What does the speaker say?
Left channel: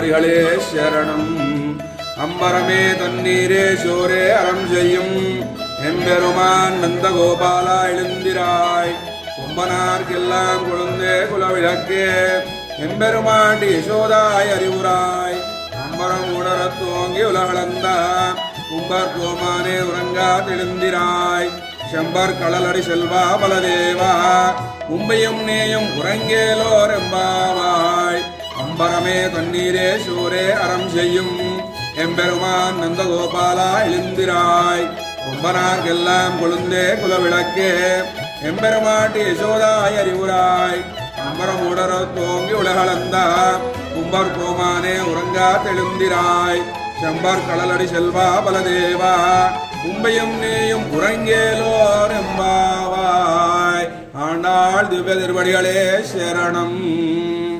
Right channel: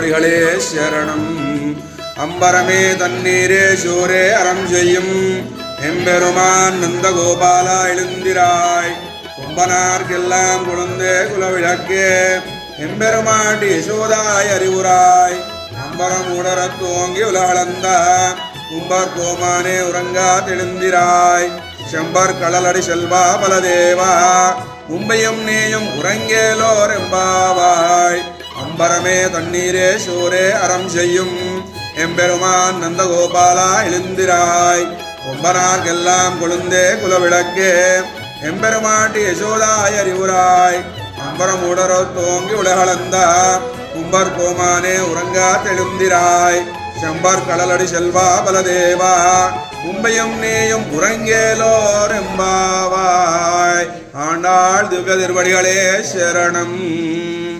சரணம். அம்பரமே தண்ணீரே சோரே அறம் செய்யும் எம்பெருமான் நந்தகோபாலா எழுந்திராய். கும்பனார்க்கெல்லாம் குழந்தே குலவிளக்கே எம்பெருமாட்டி யசோதாய் அறிவுராய். அம்பரம் உடரத் துவங்கி உலகளந்த கும்பர் கோமானே உறங்கா தெழுந்திராய். செம்பர் கடலடி செல்வா பலதேவா உம்பையும் நீயும் உறங்கேலோர் எம்பாவாய். அம்பரமே தண்ணீரே சோரே அறம் செய்யும் எம்பெருமான் நந்தகோபாலா எழுந்திராய். கும்பனார்க்கெல்லாம் கொழுந்தே குலவிளக்கே எம்பெருமாட்டி யசோதாய் அறிவுராய். அம்பரம் உடரோ தோங்கி உலகளந்த கும்பர் கோமானே உறங்கா தெழுந்திராய். செம்பர் கடலடி செல்வா பலதேவா உம்பையும் நீயும் உறங்கேலோர் எம்பாவாய். ஆண்டாள் திவ்ய திருவடிகளே சரணம்.